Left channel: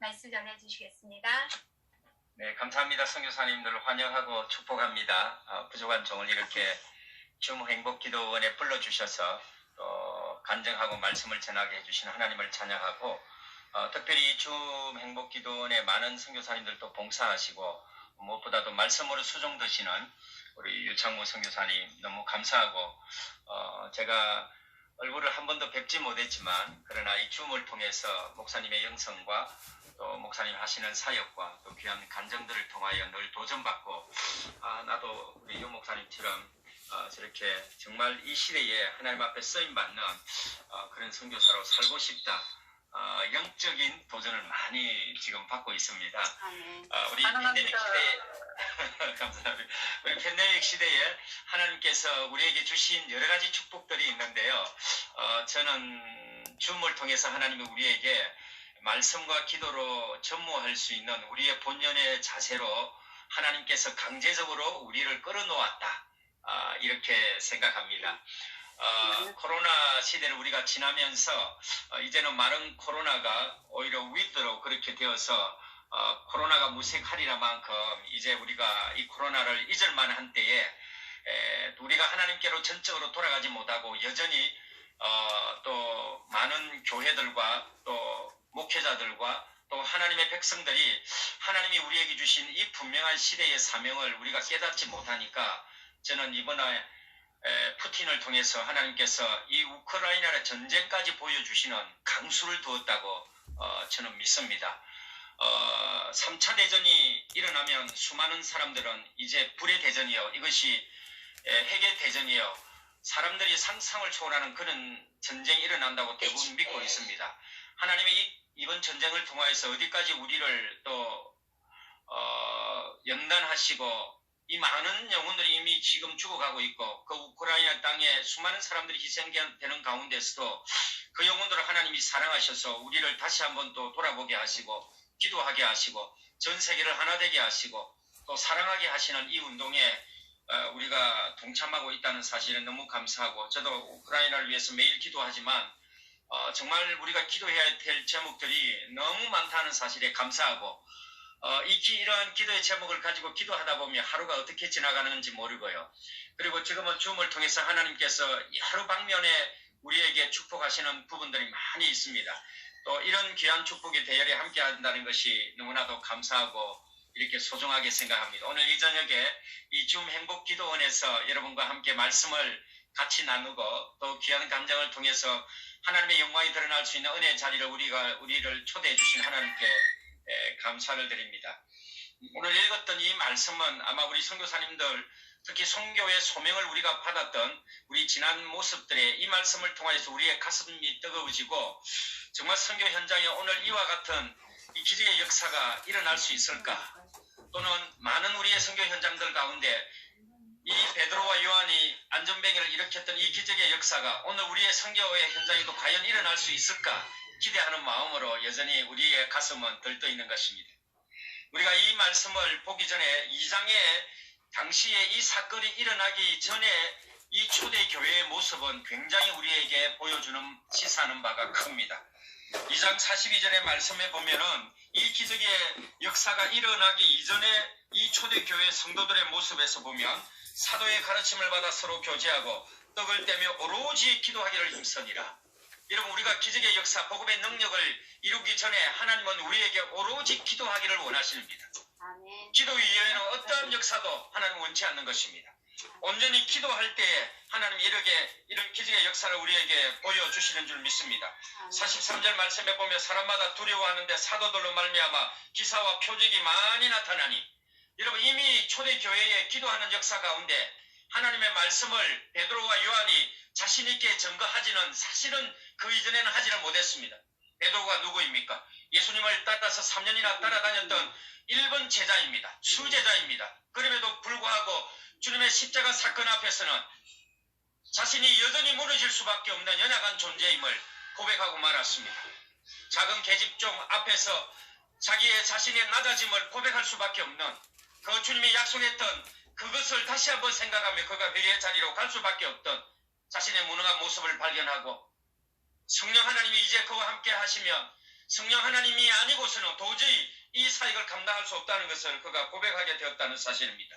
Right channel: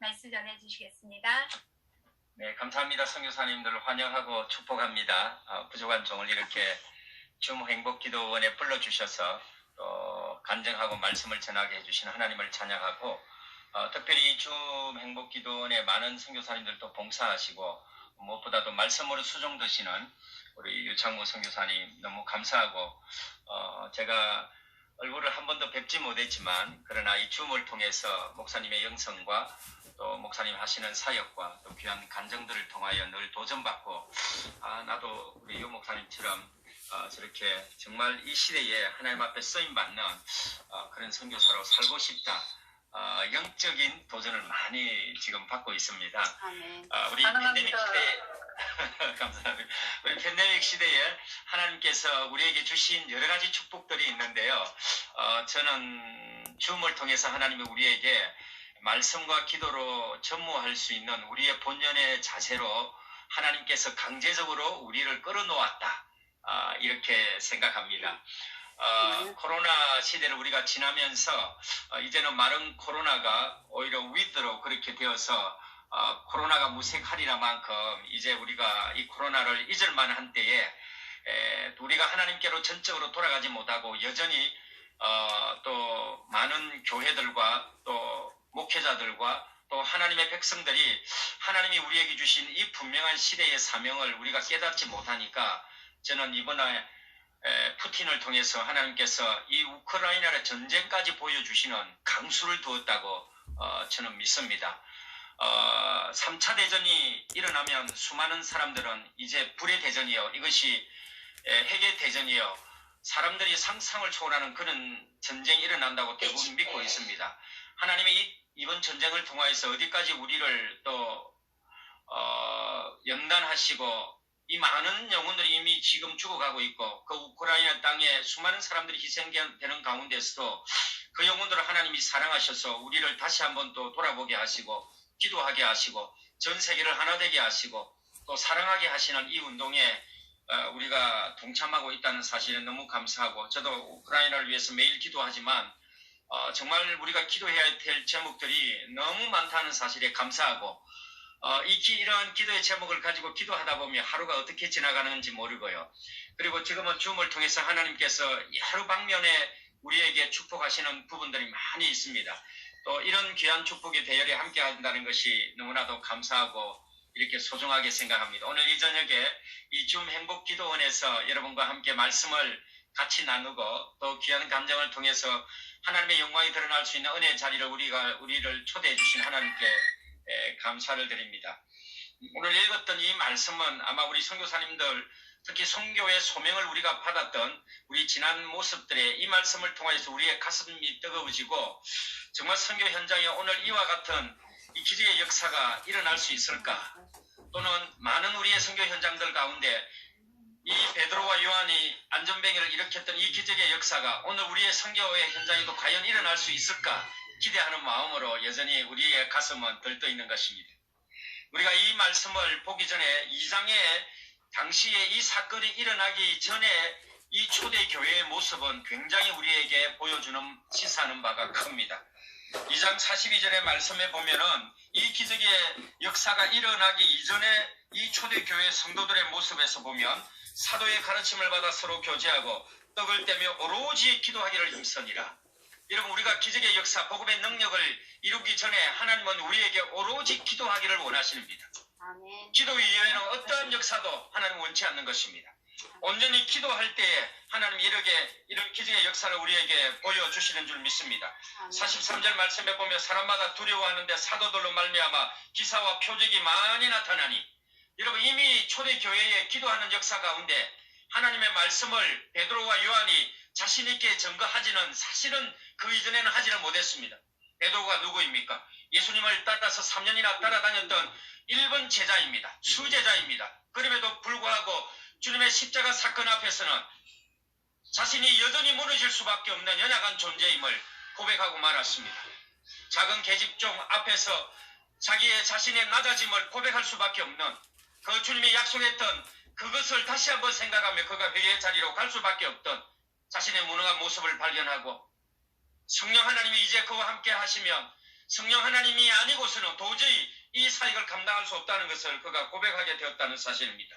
말씀 전해주시겠습니다. 네, 감사합니다. 선교사님들 환영하고 축복합니다. 부족한 종을 이렇게 줌 행복기도원에 불러주셔서 또 간증하고 말씀을 전하게 해주신 하나님을 찬양하고 특별히 줌 행복기도원에 많은 선교사님들도 봉사하시고 무엇보다도 말씀으로 수종드시는 우리 유창모 선교사님 너무 감사하고 제가 얼굴을 한 번도 뵙지 못했지만 그러나 이 줌을 통해서 목사님의 영성과 또 목사님 하시는 사역과 또 귀한 간증들을 통하여 늘 도전받고 나도 우리 유 목사님처럼 저렇게 정말 이 시대에 하나님 앞에 쓰임받는 그런 선교사로 살고 싶다. 영적인 도전을 많이 지금 받고 있습니다. 우리 팬데믹 시대에 감사합니다. 우리 팬데믹 시대에 하나님께서 우리에게 주신 여러 가지 축복들이 있는데요. 저는 줌을 통해서 하나님이 우리에게 말씀과 기도로 전무할 수 있는 우리의 본연의 자세로 하나님께서 강제적으로 우리를 끌어놓았다. 이렇게 생각합니다. 코로나 시대를 우리가 지나면서 이제는 많은 코로나가 오히려 위드로 그렇게 되어서 코로나가 무색하리라만큼 이제 우리가 이 코로나를 잊을 만한 때에 우리가 하나님께로 전적으로 돌아가지 못하고 여전히 또 많은 교회들과 또 목회자들과 또 하나님의 백성들이 하나님이 우리에게 주신 이 분명한 시대의 사명을 우리가 깨닫지 못하니까 저는 이번에 푸틴을 통해서 하나님께서 이 우크라이나의 전쟁까지 보여주시는 강수를 두었다고 저는 믿습니다. 3차 대전이 일어나면 수많은 사람들은 이제 불의 대전이요, 이것이 핵의 대전이요, 사람들이 상상을 초월하는 그런 전쟁이 일어난다고 대부분 믿고 있습니다. 하나님이 이번 전쟁을 통하여서 어디까지 우리를 또 연단하시고 이 많은 영혼들이 이미 지금 죽어가고 있고 그 우크라이나 땅에 수많은 사람들이 희생되는 가운데서도 그 영혼들을 하나님이 사랑하셔서 우리를 다시 한번 또 돌아보게 하시고 기도하게 하시고 전 세계를 하나 되게 하시고 또 사랑하게 하시는 이 운동에 우리가 동참하고 있다는 사실에 너무 감사하고 저도 우크라이나를 위해서 매일 기도하지만 정말 우리가 기도해야 될 제목들이 너무 많다는 사실에 감사하고 이러한 기도의 제목을 가지고 기도하다 보면 하루가 어떻게 지나가는지 모르고요. 그리고 지금은 줌을 통해서 하나님께서 하루 방면에 우리에게 축복하시는 부분들이 많이 있습니다. 또 이런 귀한 축복이 대열에 함께 한다는 것이 너무나도 감사하고 이렇게 소중하게 생각합니다. 오늘 이 저녁에 이 줌 행복기도원에서 여러분과 함께 말씀을 같이 나누고 또 귀한 감정을 통해서 하나님의 영광이 드러날 수 있는 은혜의 자리를 우리를 초대해 주신 하나님께 감사를 드립니다. 오늘 읽었던 이 말씀은 아마 우리 선교사님들 특히 선교의 소명을 우리가 받았던 우리 지난 모습들의 이 말씀을 통해서 우리의 가슴이 뜨거워지고 정말 선교 현장에 오늘 이와 같은 이 기적의 역사가 일어날 수 있을까? 또는 많은 우리의 선교 현장들 가운데 이 베드로와 요한이 안전뱅이를 일으켰던 이 기적의 역사가 오늘 우리의 선교의 현장에도 과연 일어날 수 있을까? 기대하는 마음으로 여전히 우리의 가슴은 들떠 있는 것입니다. 우리가 이 말씀을 보기 전에 2장에 당시에 이 사건이 일어나기 전에 이 초대교회의 모습은 굉장히 우리에게 보여주는 시사하는 바가 큽니다. 2장 42절의 말씀에 보면은 이 기적의 역사가 일어나기 이전에 이 초대교회 성도들의 모습에서 보면 사도의 가르침을 받아 서로 교제하고 떡을 떼며 오로지 기도하기를 힘쓰니라. 여러분, 우리가 기적의 역사, 복음의 능력을 이루기 전에 하나님은 우리에게 오로지 기도하기를 원하십니다. 아멘. 기도 이외에는 어떠한 역사도 하나님은 원치 않는 것입니다. 온전히 기도할 때에 하나님 이런 기적의 역사를 우리에게 보여주시는 줄 믿습니다. 43절 말씀에 보면 사람마다 두려워하는데 사도들로 말미암아 기사와 표적이 많이 나타나니, 여러분 이미 초대교회에 기도하는 역사 가운데 하나님의 말씀을 베드로와 요한이 자신 있게 증거하지는 사실은 그 이전에는 하지는 못했습니다. 베드로가 누구입니까? 예수님을 따라서 3년이나 따라다녔던 1번 제자입니다. 수제자입니다. 그럼에도 불구하고 주님의 십자가 사건 앞에서는 자신이 여전히 무너질 수밖에 없는 연약한 존재임을 고백하고 말았습니다. 작은 계집종 앞에서 자신의 낮아짐을 고백할 수밖에 없는 그 주님이 약속했던 그것을 다시 한번 생각하며 그가 회개의 자리로 갈 수밖에 없던 자신의 무능한 모습을 발견하고 성령 하나님이 이제 그와 함께 하시면 성령 하나님이 아니고서는 도저히 이 사역을 감당할 수 없다는 것을 그가 고백하게 되었다는 사실입니다.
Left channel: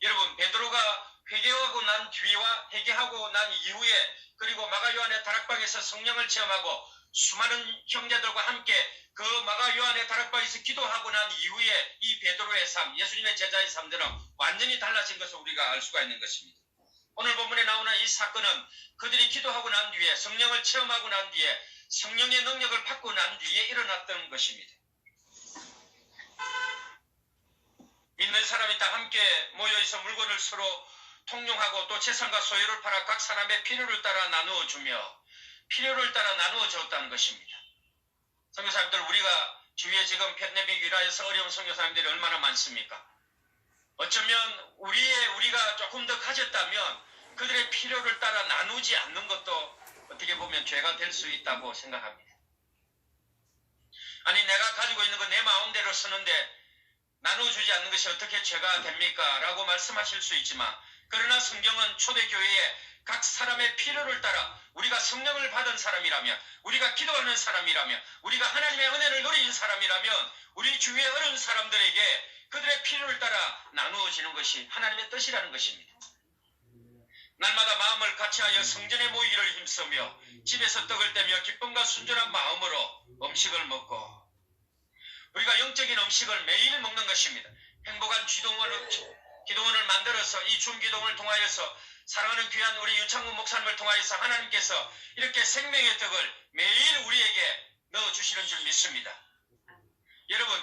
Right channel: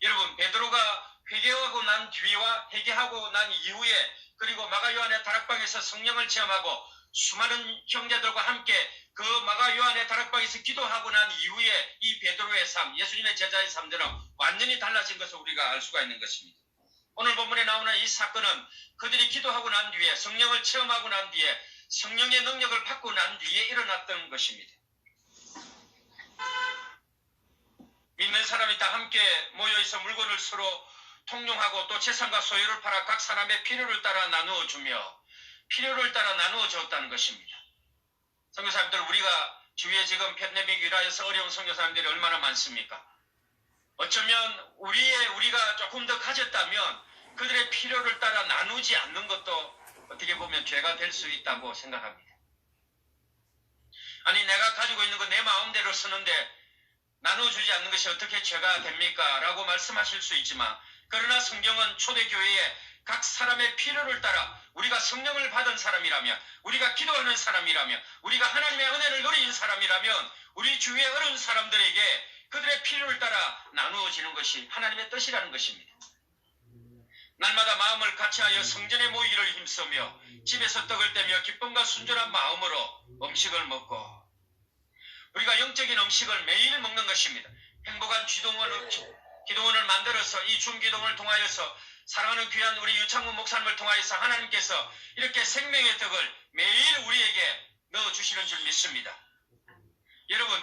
여러분, 베드로가 회개하고 난 뒤와 회개하고 난 이후에 그리고 마가 요한의 다락방에서 성령을 체험하고 수많은 형제들과 함께 그 마가 요한의 다락방에서 기도하고 난 이후에 이 베드로의 삶, 예수님의 제자의 삶들은 완전히 달라진 것을 우리가 알 수가 있는 것입니다. 오늘 본문에 나오는 이 사건은 그들이 기도하고 난 뒤에 성령을 체험하고 난 뒤에 성령의 능력을 받고 난 뒤에 일어났던 것입니다. 믿는 사람이 다 함께 모여있어 물건을 서로 통용하고 또 재산과 소유를 팔아 각 사람의 필요를 따라 나누어 주며 필요를 따라 나누어 줬다는 것입니다. 선교사님들, 우리가 주위에 지금 팬데믹 일화에서 어려운 선교사님들이 얼마나 많습니까? 어쩌면 우리가 조금 더 가졌다면 그들의 필요를 따라 나누지 않는 것도 어떻게 보면 죄가 될 수 있다고 생각합니다. 아니, 내가 가지고 있는 거 내 마음대로 쓰는데 나눠주지 않는 것이 어떻게 죄가 됩니까? 라고 말씀하실 수 있지만, 그러나 성경은 초대교회에 각 사람의 필요를 따라 우리가 성령을 받은 사람이라면, 우리가 기도하는 사람이라면, 우리가 하나님의 은혜를 누린 사람이라면 우리 주위에 어려운 사람들에게 그들의 필요를 따라 나누어지는 것이 하나님의 뜻이라는 것입니다. 날마다 마음을 같이하여 성전에 모이기를 힘쓰며 집에서 떡을 떼며 기쁨과 순전한 마음으로 음식을 먹고, 우리가 영적인 음식을 매일 먹는 것입니다. 행복한 기도원을 만들어서 이 줌기도원을 통하여서 사랑하는 귀한 우리 유창문 목사님을 통하여서 하나님께서 이렇게 생명의 떡을 매일 우리에게 넣어주시는 줄 믿습니다. 여러분,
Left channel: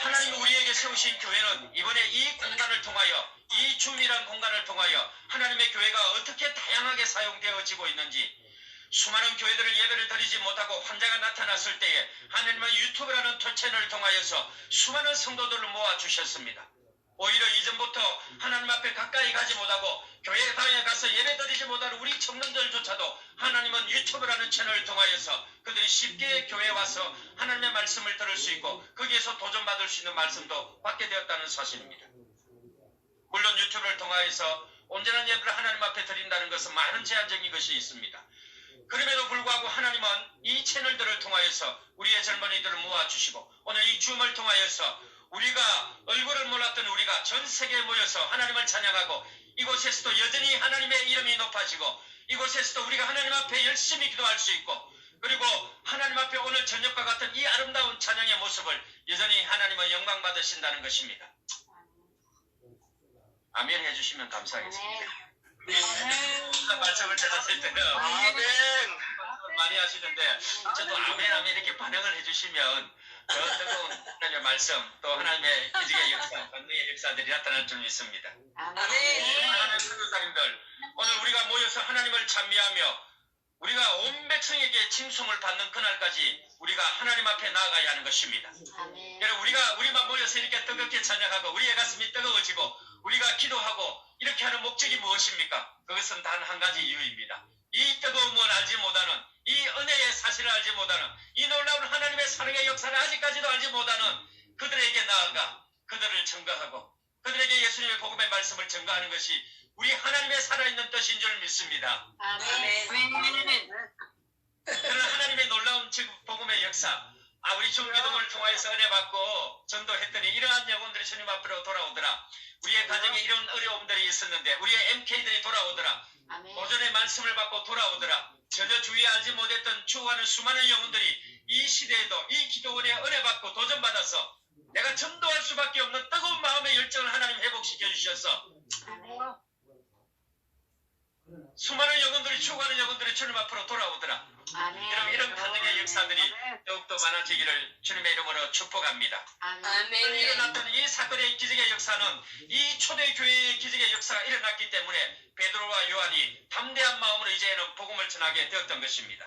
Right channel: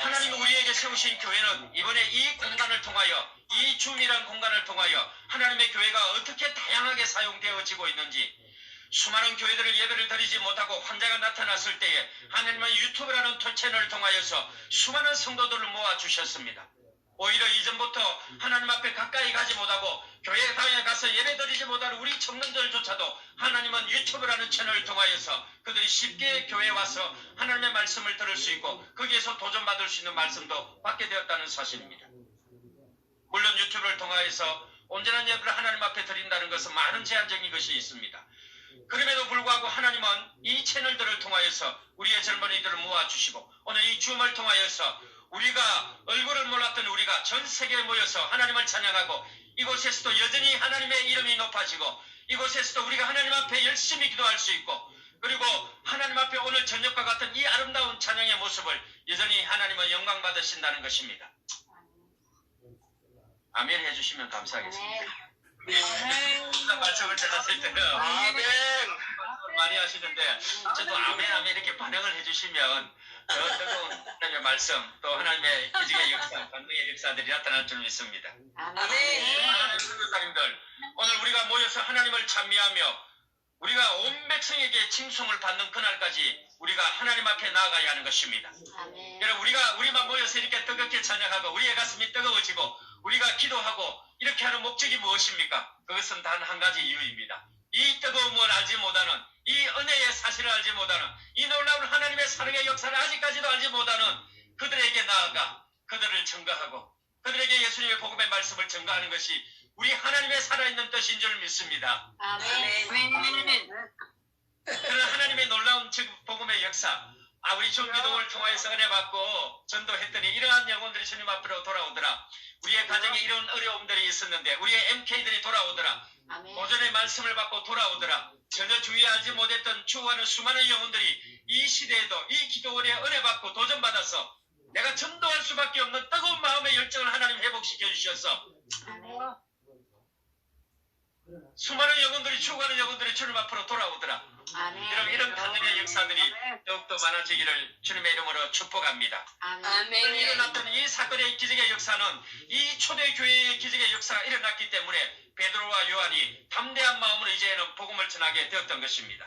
하나님이 우리에게 세우신 교회는 이번에 이 공간을 통하여, 이 줌이란 공간을 통하여 하나님의 교회가 어떻게 다양하게 사용되어지고 있는지, 수많은 교회들을 예배를 드리지 못하고 환자가 나타났을 때에 하나님은 유튜브라는 채널을 통하여서 수많은 성도들을 모아주셨습니다. 오히려 이전부터 하나님 앞에 가까이 가지 못하고 교회에 가서 예배 드리지 못하는 우리 청년들조차도 하나님은 유튜브라는 채널을 통하여서 그들이 쉽게 교회에 와서 하나님의 말씀을 들을 수 있고 거기에서 도전받을 수 있는 말씀도 받게 되었다는 사실입니다. 물론 유튜브를 통하여서 온전한 예배를 하나님 앞에 드린다는 것은 많은 제한적인 것이 있습니다. 그럼에도 불구하고 하나님은 이 채널들을 통하여서 우리의 젊은이들을 모아주시고 오늘 이 줌을 통하여서 우리가 얼굴을 몰랐던 우리가 전 세계에 모여서 하나님을 찬양하고 이곳에서도 여전히 하나님의 이름이 높아지고 이곳에서도 우리가 하나님 앞에 열심히 기도할 수 있고 그리고 하나님 앞에 오늘 저녁과 같은 이 아름다운 찬양의 모습을 여전히 하나님은 영광 받으신다는 것입니다. 아멘 해주시면 감사하겠습니다. 말씀을 들었을 때는 아멘 많이 하시는데 저도 아멘 이렇게 반응을 해주시면 저 뜨거운 하나님의 말씀 또 하나님의 기적의 역사, 감동의 역사들이 나타날 줄 믿습니다. 아멘. 하나님의 선교사님들, 오늘 우리가 모여서 하나님을 찬미하며 우리가 온 백성에게 칭송을 받는 그날까지 우리가 하나님 앞에 나아가야 하는 것입니다. 아멘. 여러분, 우리만 모여서 이렇게 뜨겁게 찬양하고 우리의 가슴이 뜨거워지고 우리가 기도하고 이렇게 하는 목적이 무엇입니까? 그것은 단 한 가지 이유입니다. 이 뜨거움을 알지 못하는, 이 은혜의 사실을 알지 못하는, 이 놀라운 하나님의 사랑의 역사를 아직까지도 알지 못하는 그들에게 나아가 그들을 증거하고 그들에게 예수님의 복음의 말씀을 증거하는 것이 우리 하나님의 살아있는 뜻인 줄 믿습니다. 아멘. 그런 하나님의 놀라운 복음의 역사, 우리 줌기도를 통하여서 은혜 받고 전도했더니 이러한 영혼들이 주님 앞으로 돌아오더라. 우리의 가정에 이런 어려움들이 있었는데 우리의 MK들이 돌아오더라. 도전의 말씀을 받고 돌아오더라. 전혀 주의 알지 못했던 주와는 수많은 영혼들이 이 시대에도 이 기도원에 은혜 받고 도전받아서 내가 전도할 수밖에 없는 뜨거운 마음의 열정을 하나님 회복시켜 주셔서 수많은 영혼들이 죽어가는 영혼들이 주님 앞으로 돌아오더라. 여러분, 이런 가정의 역사들이 더욱더 많아지기를 주님의 이름으로 축복합니다. 아멘. 일어났던 이 사건의 기적의 역사는 이 초대교회의 기적의 역사가 일어났기 때문에 베드로와 요한이 담대한 마음으로 이제는 복음을 전하게 되었던 것입니다.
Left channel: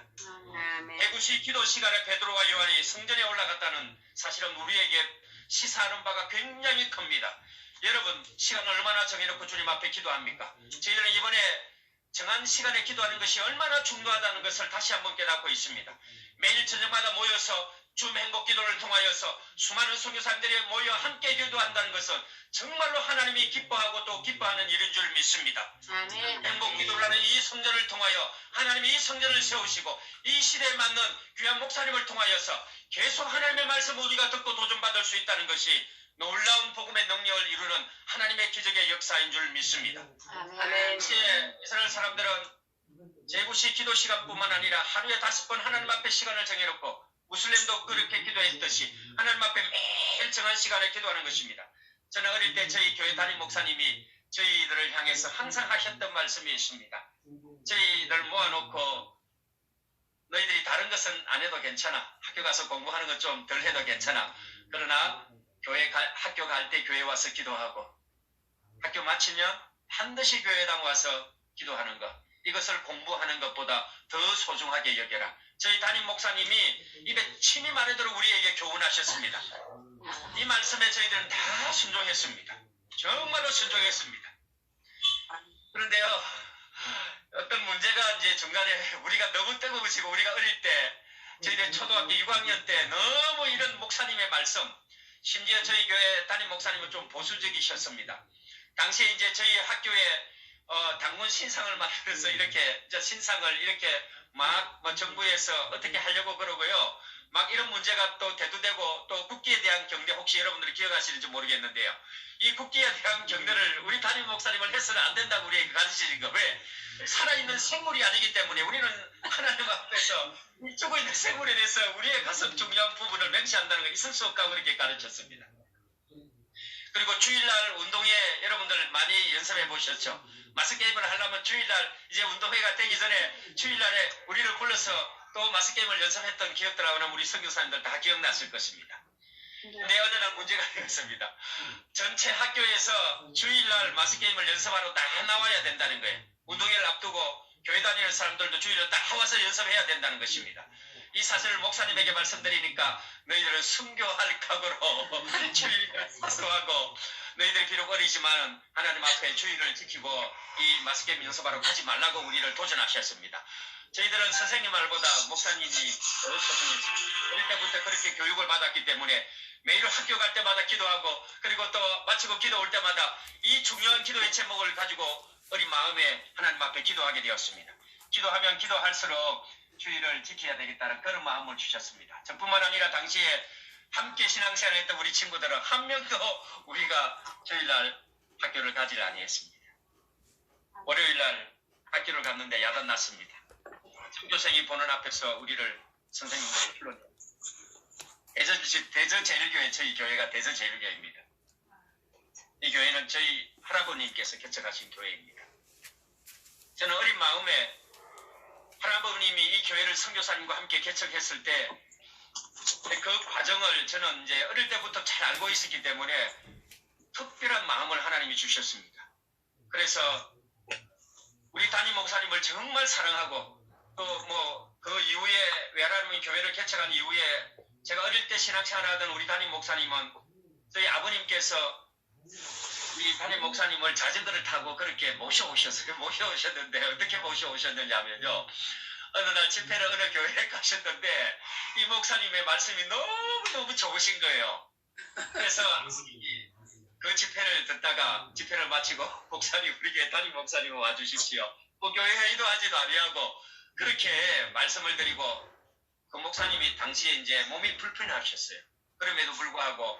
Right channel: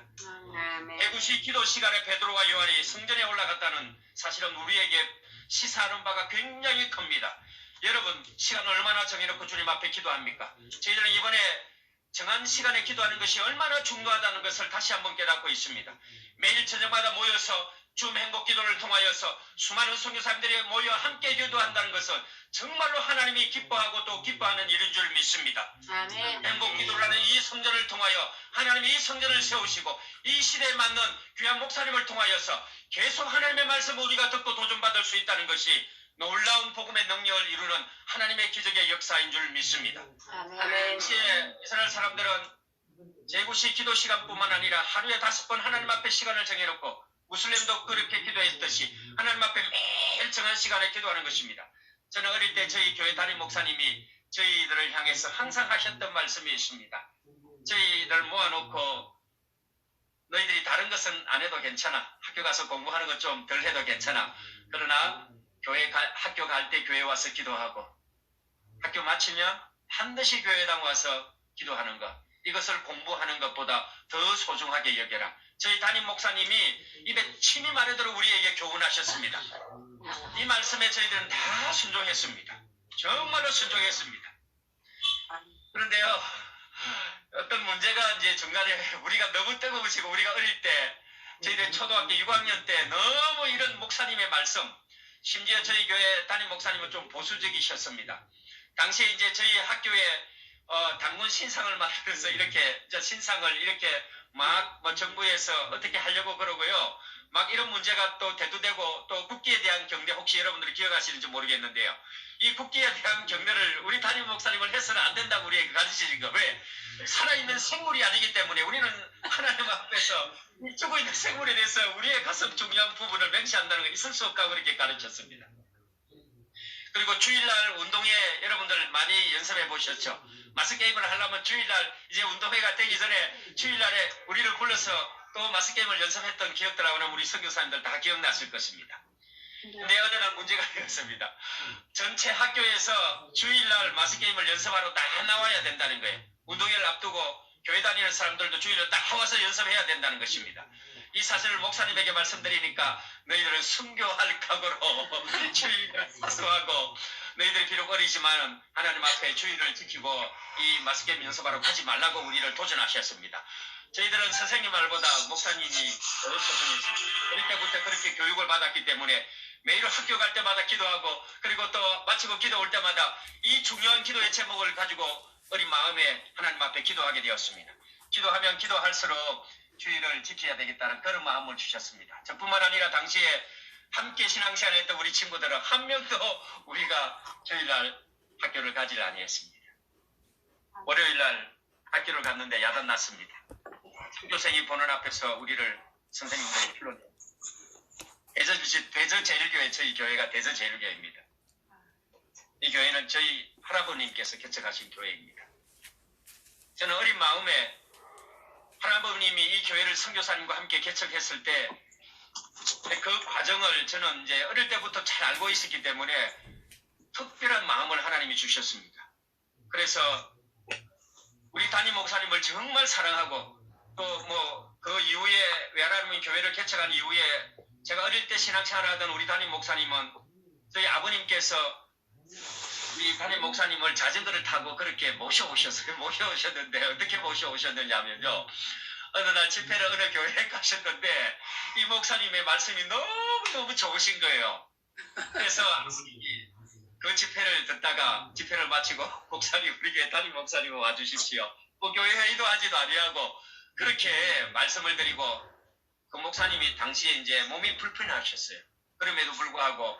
배구시 기도 시간에 베드로와 요한이 성전에 올라갔다는 사실은 우리에게 시사하는 바가 굉장히 큽니다. 여러분, 시간을 얼마나 정해놓고 주님 앞에 기도합니까? 저희들은 이번에 정한 시간에 기도하는 것이 얼마나 중요하다는 것을 다시 한번 깨닫고 있습니다. 매일 저녁마다 모여서 줌 행복 기도를 통하여서 수많은 선교사님들이 모여 함께 기도한다는 것은 정말로 하나님이 기뻐하고 또 기뻐하는 일인 줄 믿습니다. 아멘. 행복 기도라는 이 성전을 통하여 하나님이 이 성전을 세우시고 이 시대에 맞는 귀한 목사님을 통하여서 계속 하나님의 말씀을 우리가 듣고 도전받을 수 있다는 것이 놀라운 복음의 능력을 이루는 하나님의 기적의 역사인 줄 믿습니다. 아멘. 당시에 이스라엘 사람들은 제구시 기도 시간뿐만 아니라 하루에 5번 하나님 앞에 시간을 정해놓고 무슬림도 그렇게 기도했듯이 하나님 앞에 매일 정한 시간에 기도하는 것입니다. 저는 어릴 때 저희 교회 담임 목사님이 저희들을 향해서 항상 하셨던 말씀이 있습니다. 저희들 모아놓고 너희들이 다른 것은 안 해도 괜찮아. 학교 가서 공부하는 것 좀 덜 해도 괜찮아. 그러나 학교 갈 때 교회 와서 기도하고 학교 마치면 반드시 교회당 와서 기도하는 것. 이것을 공부하는 것보다 더 소중하게 여겨라. 저희 담임 목사님이 입에 침이 마르도록 우리에게 교훈하셨습니다. 이 말씀에 저희들은 다 순종했습니다. 정말로 순종했습니다. 그런데요, 어떤 문제가 이제 중간에 우리가 너무 뜨거우시고 우리가 어릴 때 저희들 초등학교 6학년 때 너무 이런 목사님의 말씀, 심지어 저희 교회 담임 목사님은 좀 보수적이셨습니다. 당시에 이제 저희 학교에 당군 신상을 만들어서 이렇게 신상을 이렇게 막 정부에서 어떻게 하려고 그러고요. 막 이런 문제가 또 대두되고 또 국기에 대한 경례 혹시 여러분들이 기억하시는지 모르겠는데요. 이 국기에 대한 경례를 우리 담임 목사님을 해서는 안 된다고 우리에게 가르치신 거. 왜? 살아있는 생물이 아니기 때문에 우리는 하나님 앞에서 죽어 있는 생물에 대해서 우리의 가슴 중요한 부분을 맹세한다는 거 있을 수 없다고 그렇게 가르쳤습니다. 그리고 주일날 운동회 여러분들 많이 연습해 보셨죠? 마스게임을 하려면 주일날 이제 운동회가 되기 전에 주일날에 우리를 불러서 또 마스게임을 연습했던 기억들하고는 우리 선교사님들 다 기억났을 것입니다. 근데 어느 날 문제가 되었습니다. 전체 학교에서 주일날 마스게임을 연습하러 다 나와야 된다는 거예요. 운동회를 앞두고 교회 다니는 사람들도 주일날 다 와서 연습해야 된다는 것입니다. 이 사실을 목사님에게 말씀드리니까 너희들은 순교할 각오로 주일을 사수하고 너희들이 비록 어리지만 하나님 앞에 주일을 지키고 이 마스게임 연습하러 가지 말라고 우리를 도전하셨습니다. 저희들은 선생님 말보다 목사님이 더 소중했습니다. 어릴 때부터 그렇게 교육을 받았기 때문에 매일 학교 갈 때마다 기도하고 그리고 또 마치고 기도 올 때마다 이 중요한 기도의 제목을 가지고 어린 마음에 하나님 앞에 기도하게 되었습니다. 기도하면 기도할수록 주의를 지켜야 되겠다는 그런 마음을 주셨습니다. 저뿐만 아니라 당시에 함께 신앙생활 했던 우리 친구들은 한 명도 우리가 주일날 학교를 가지를 아니했습니다. 월요일날 학교를 갔는데 야단 났습니다. 선교생이 보는 앞에서 우리를 선생님들이 불러내요. 대저제일교회, 저희 교회가 대저제일교회입니다. 이 교회는 저희 할아버님께서 개척하신 교회입니다. 저는 어린 마음에 할아버님이 이 교회를 선교사님과 함께 개척했을 때 그 과정을 저는 이제 어릴 때부터 잘 알고 있었기 때문에 특별한 마음을 하나님이 주셨습니다. 그래서 우리 담임 목사님을 정말 사랑하고 또 그 이후에 외할아버님 교회를 개척한 이후에 제가 어릴 때 신앙생활하던 우리 담임 목사님은 저희 아버님께서 이 담임 목사님을 자전거를 타고 그렇게 모셔오셨는데 어떻게 모셔오셨느냐면요. 어느 날 집회를 어느 교회에 가셨는데 이 목사님의 말씀이 너무너무 좋으신 거예요. 그래서 그 집회를 듣다가 집회를 마치고 목사님 우리 교회 담임 목사님 와주십시오. 뭐 교회 회의도 하지도 아니하고 그렇게 말씀을 드리고 그 목사님이 당시에 이제 몸이 불편하셨어요. 그럼에도 불구하고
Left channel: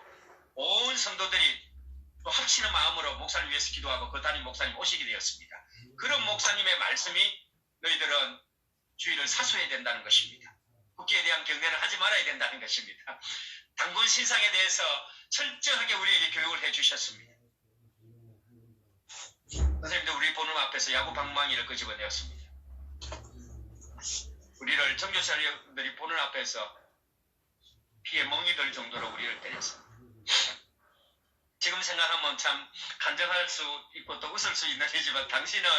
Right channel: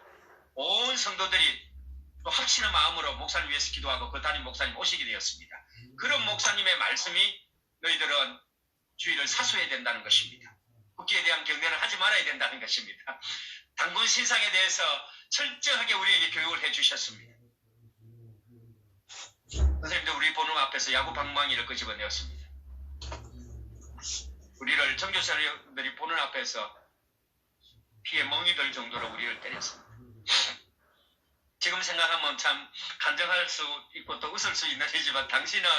온 성도들이 또 확신의 마음으로 목사님 위해서 기도하고 그 담임 목사님 오시게 되었습니다. 그런 목사님의 말씀이 너희들은 주의를 사수해야 된다는 것입니다. 국기에 대한 경례를 하지 말아야 된다는 것입니다. 당군 신상에 대해서 철저하게 우리에게 교육을 해주셨습니다. 선생님도 우리 보는 앞에서 야구 방망이를 끄집어내었습니다. 우리를 정교사님들이 보는 앞에서 피에 멍이 들 정도로 우리를 때렸습니다. 지금 생각하면 참 간증할 수 있고 또 웃을 수 있는 일이지만 당신은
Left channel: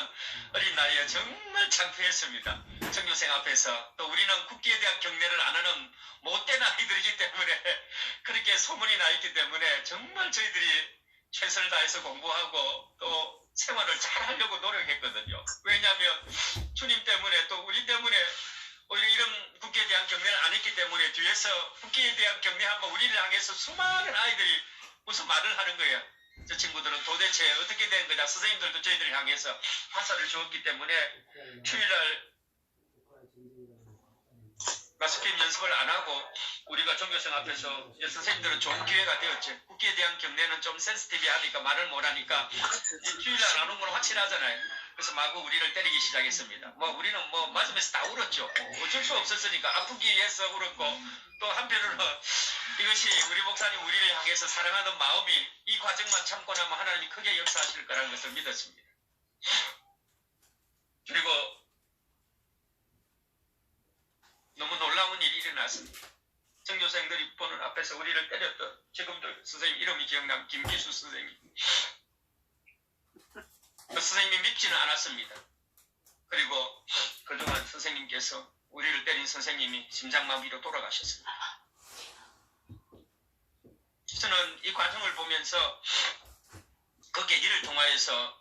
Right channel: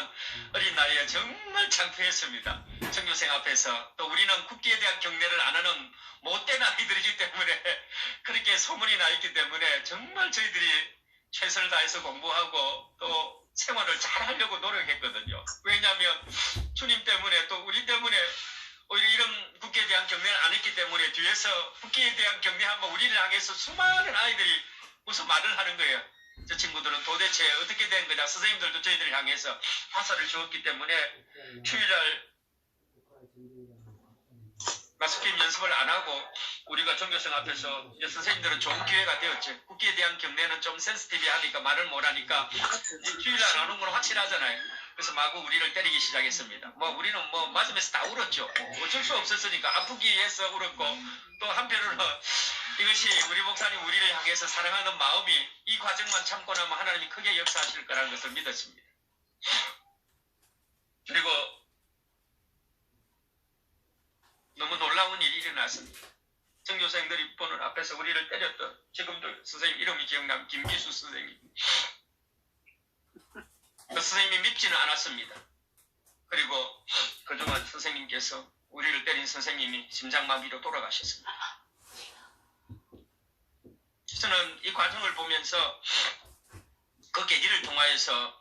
어린 나이에 정말 창피했습니다. 정교생 앞에서 또 우리는 국기에 대한 경례를 안 하는 못된 아이들이기 때문에 그렇게 소문이 나 있기 때문에 정말 저희들이 최선을 다해서 공부하고 또 생활을 잘 하려고 노력했거든요. 왜냐하면 주님 때문에 또 우리 때문에 오히려 이런 국기에 대한 경례를 안 했기 때문에 뒤에서 국기에 대한 경례하면 우리를 향해서 수많은 아이들이 무슨 말을 하는 거예요. 저 친구들은 도대체 어떻게 된 거냐. 선생님들도 저희들을 향해서 화살을 주었기 때문에 휴일날 마스킹 연습을 안 하고 우리가 종교생 앞에서 선생님들은 좋은 기회가 되었죠. 국기에 대한 경례는 좀 센시티브하니까 말을 못하니까 휴일날 안 오면 확실하잖아요. 그래서 마구 우리를 때리기 시작했습니다. 우리는 맞으면서 다 울었죠. 어쩔 수 없었으니까 아프기 위해서 울었고 또 한편으로는 이것이 우리 목사님 우리를 향해서 사랑하는 마음이 이 과정만 참고 나면 하나님이 크게 역사하실 거라는 것을 믿었습니다. 그리고 너무 놀라운 일이 일어났습니다. 전교생들이 보는 앞에서 우리를 때렸던 지금도 선생님 이름이 기억나면 김기수 선생님. 그 선생님이 밉지는 않았습니다. 그리고 그동안 선생님께서 우리를 때린 선생님이 심장마비로 돌아가셨습니다. 저는 이 과정을 보면서 그 계기를 통하여서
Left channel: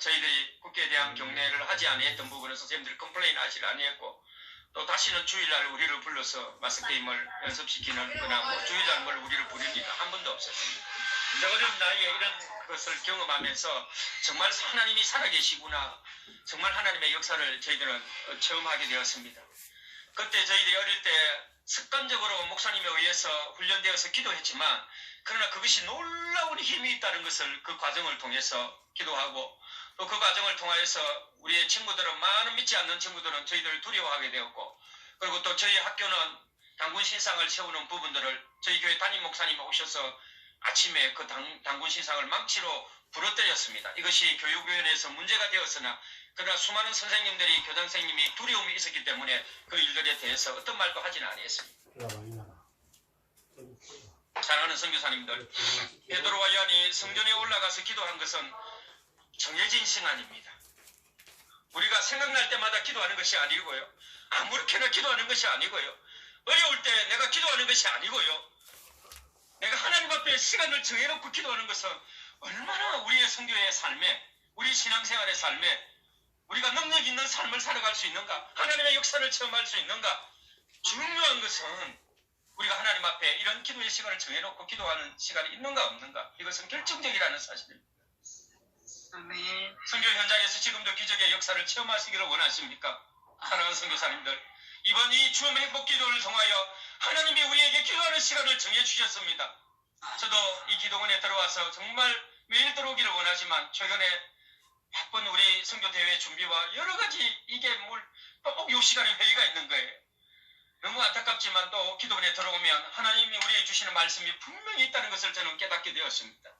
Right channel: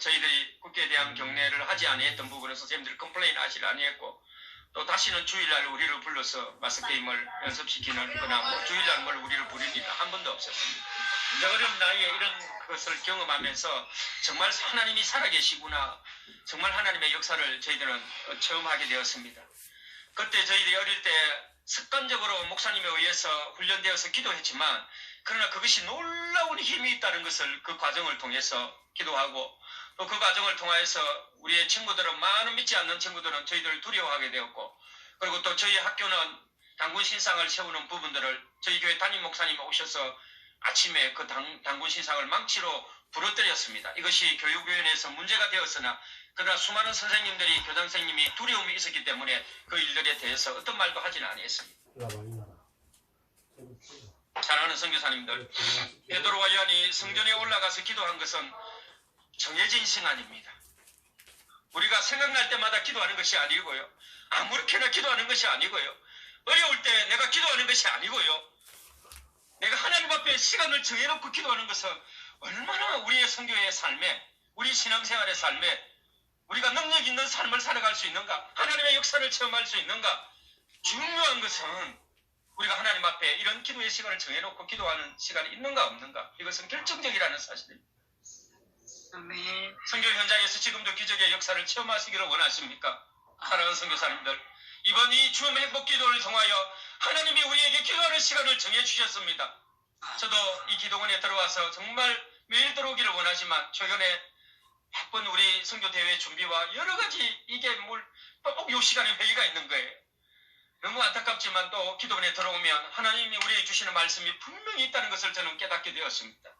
저희들이 국기에 대한 경례를 하지 아니했던 부분을 선생님들이 컴플레인 하지 아니했고 또 다시는 주일날 우리를 불러서 마스게임을 연습시키는 거나 주일날 우리를 부립니다. 한 번도 없었습니다. 어린 나이에 이런 것을 경험하면서 정말 하나님이 살아계시구나. 정말 하나님의 역사를 저희들은 처음 하게 되었습니다. 그때 저희들이 어릴 때 습관적으로 목사님에 의해서 훈련되어서 기도했지만 그러나 그것이 놀라운 힘이 있다는 것을 그 과정을 통해서 기도하고 또 그 과정을 통해서 우리의 친구들은 많은 믿지 않는 친구들은 저희들을 두려워하게 되었고 그리고 또 저희 학교는 단군 신상을 세우는 부분들을 저희 교회 담임 목사님이 오셔서 아침에 그 단군 신상을 망치로 부러뜨렸습니다. 이것이 교육위원회에서 문제가 되었으나 그러나 수많은 선생님들이 교장 선생님이 두려움이 있었기 때문에 그 일들에 대해서 어떤 말도 하지는 않았습니다. 사랑하는 선교사님들, 베드로와 요한이 성전에 올라가서 기도한 것은 정해진 시간입니다. 우리가 생각날 때마다 기도하는 것이 아니고요. 아무렇게나 기도하는 것이 아니고요. 어려울 때 내가 기도하는 것이 아니고요. 내가 하나님 앞에 시간을 정해놓고 기도하는 것은 얼마나 우리의 선교의 삶에 우리 신앙생활의 삶에 우리가 능력 있는 삶을 살아갈 수 있는가 하나님의 역사를 체험할 수 있는가 중요한 것은 우리가 하나님 앞에 이런 기도의 시간을 정해놓고 기도하는 시간이 있는가 없는가 이것은 결정적이라는 사실입니다. 선교 현장에서 지금도 기적의 역사를 체험하시기를 원하십니까? 사랑하는 선교사님들 이번 이 주음 행복 기도를 통하여 하나님이 우리에게 기도하는 시간을 정해주셨습니다. 저도 이 기도원에 들어와서 정말 매일 들어오기를 원하지만 최근에 바쁜 우리 선교대회 준비와 여러 가지 이게 꼭 요 시간에 회의가 있는 거예요. 너무 안타깝지만 또 기도원에 들어오면 하나님이 우리에게 주시는 말씀이 분명히 있다는 것을 저는 깨닫게 되었습니다.